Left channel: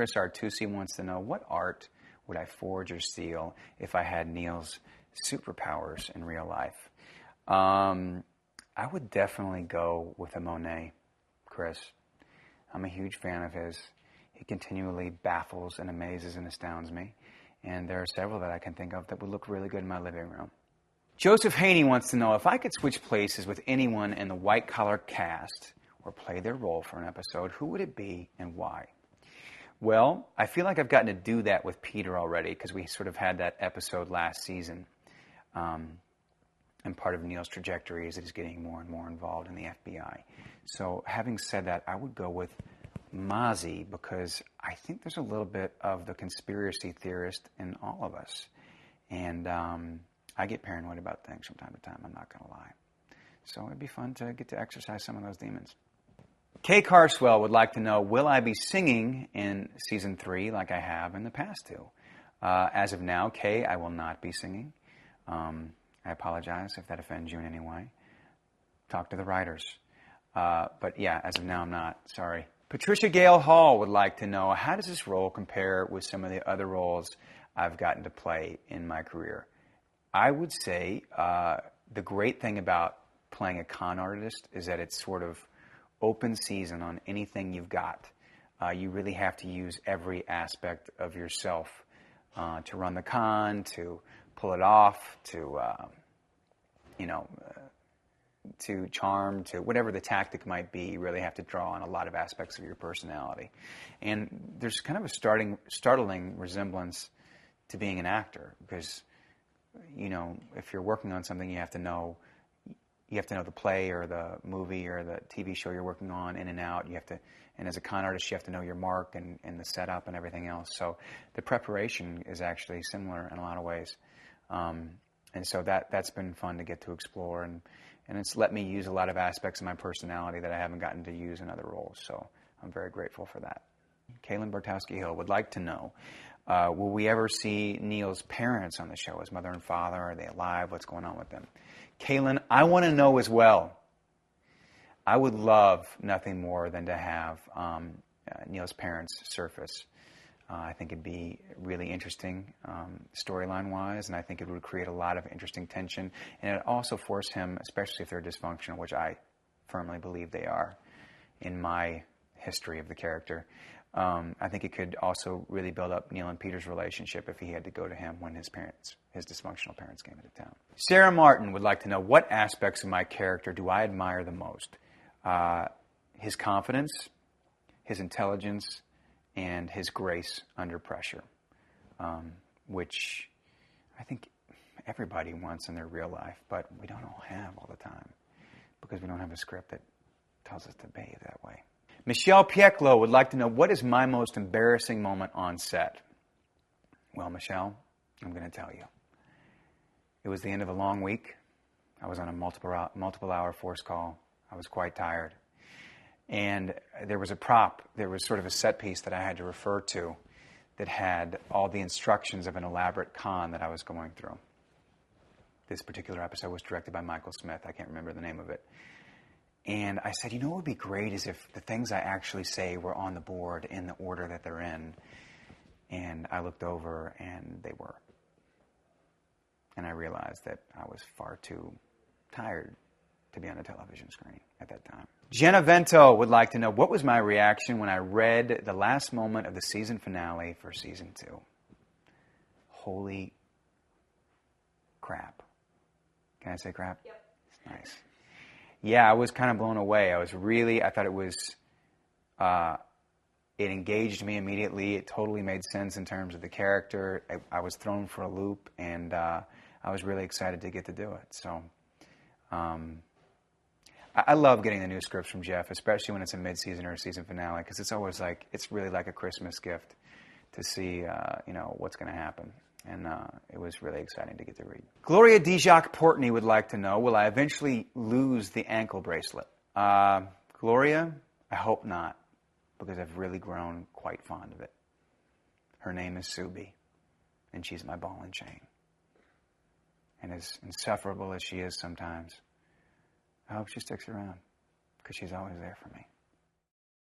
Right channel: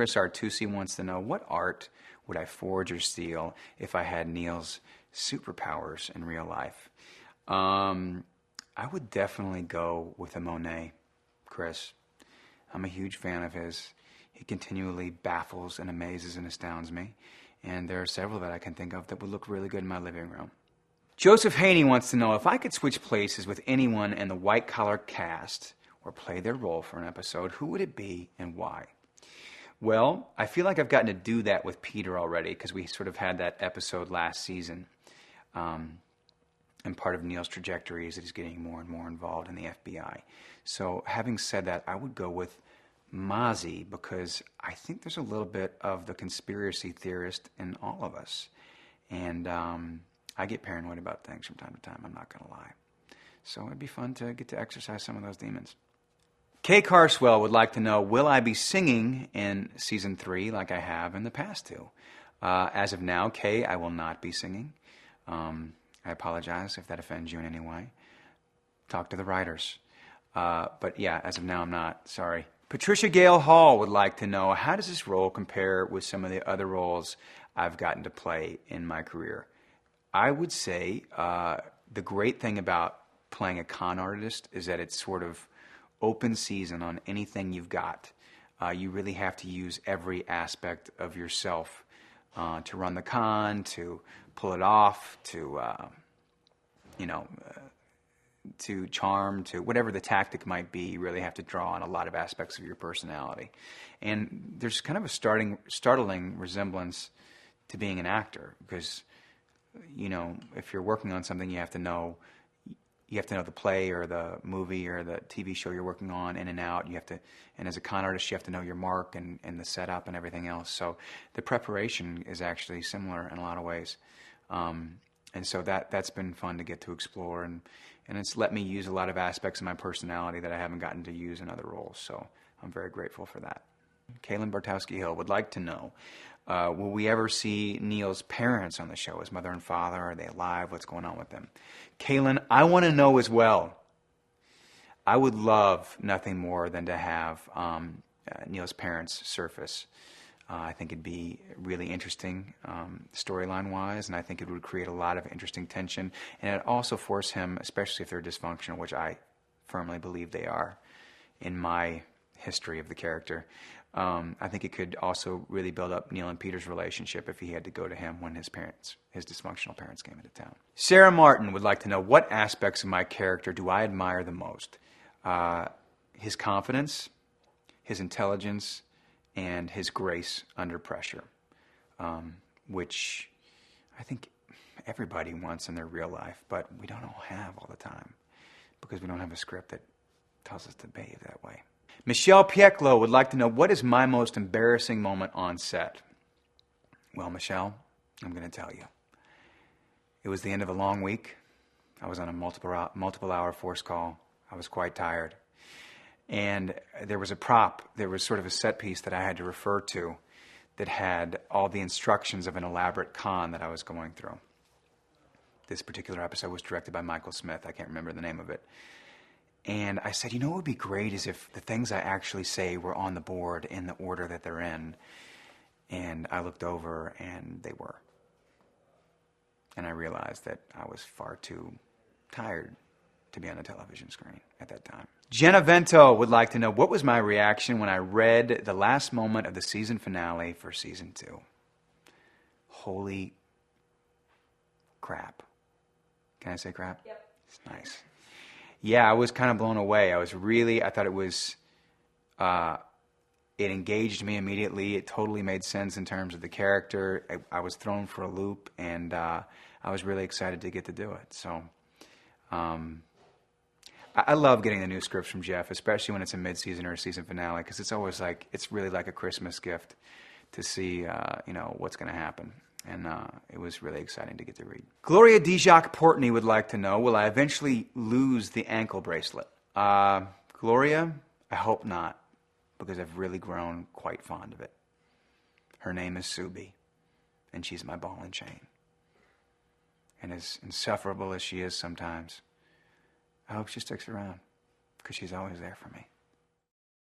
Chris Artusi wants to know, what art would I forge or steal if I had Neil's superpowers in real life? I would definitely go with a Monet, Chris. I'm a huge fan of his. He continually baffles and amazes and astounds me. And there are several that I can think of that would look really good in my living room. Joseph Haney wants to know, if I could switch places with anyone in the White Collar cast or play their role for an episode, who would it be and why? Well, I feel like I've gotten to do that with Peter already, because we sort of had that episode last season. And part of Neil's trajectory is that he's getting more and more involved in the FBI. So having said that, I would go with Mozzie, because I think there's a little bit of the conspiracy theorist in all of us. And I get paranoid about things from time to time, I'm not going to lie. So it'd be fun to get to exercise some of those demons. Kay Carswell would like to know, will I be singing in Season 3 like I have in the past two? As of now, Kay, I will not be singing. I apologize if that offends you in any way. Talk to the writers. But yeah, as of now, I'm not. Sorry. Patricia Gale Hall would like to know, how does this role compare with some of the other roles I've gotten to play in my career? I would say the great thing about playing a con artist is that it's sort of open season on anything you've got. You really have to use every aspect of yourself to run the con, to pull it off, to to charm, to whatever the tactic might be. You really have to draw on a lot of aspects of your personality. And there's kind of a startling resemblance to being an actor, because, if you're working on something, you have to know the play or the movie or the TV show you're working on in and out. And as a con artist, you have to know your mark and the setup and everything else. So the preparation is actually similar in a lot of ways. And so that's been fun to get to explore, and it's let me use a lot of aspects of my personality that I haven't gotten to use in other roles. So I'm very grateful for that. Kaylin Bartowski-Hill would like to know, will we ever see Neil's parents on the show? His mother and father, are they alive? What's going on with them? Kaylin, I want to know as well. I would love nothing more than to have Neil's parents surface. I think it'd be really interesting storyline-wise, and I think it would create a lot of interesting tension. And it'd also force him, especially if they're dysfunctional, which I firmly believe they are in my history of the character, I think it could also really build up Neil and Peter's relationship if he had to go to him when his dysfunctional parents came into town. Sarah Martin would like to know, what aspects of my character do I admire the most? His confidence, his intelligence, and his grace under pressure, which I think everybody wants in their real life, but we don't all have all the time because we don't have a script that tells us to behave that way. Michelle Pieklo would like to know, what is my most embarrassing moment on set? Well, Michelle, I'm going to tell you. It was the end of a long week. I was on a multiple hour force call. I was quite tired. And there was a prop, there was sort of a set piece that I had to refer to that had all the instructions of an elaborate con that I was going through. This particular episode was directed by Michael Smith. I can't remember the name of it. And I said, what would be great is if the things I actually say were on the board in the order that they're in. And I looked over and they were. And I realized that I was far too tired to be on a television screen at that time. Jenna Vento would like to know, what was my reaction when I read the last moment of the season finale for Season 2? Holy crap. Can I say crap? Yep. It's nice. Yeah, I was kind of blown away. I thought it was, it engaged me immediately. It totally made sense in terms of the character. I was thrown for a loop, and I was really excited to get to do it. So, I love getting the new scripts from Jeff, especially when it's a mid-season or a season finale, because it's always it's really like a Christmas gift to see, what's going to happen. And it was really exciting to get to read. Gloria Dijak Portney would like to know, will I eventually lose the ankle bracelet? Gloria, I hope not, because I've really grown quite fond of it. Her name is Subi, and she's my ball and chain. And as insufferable as she is sometimes, I hope she sticks around, because she's always there for me.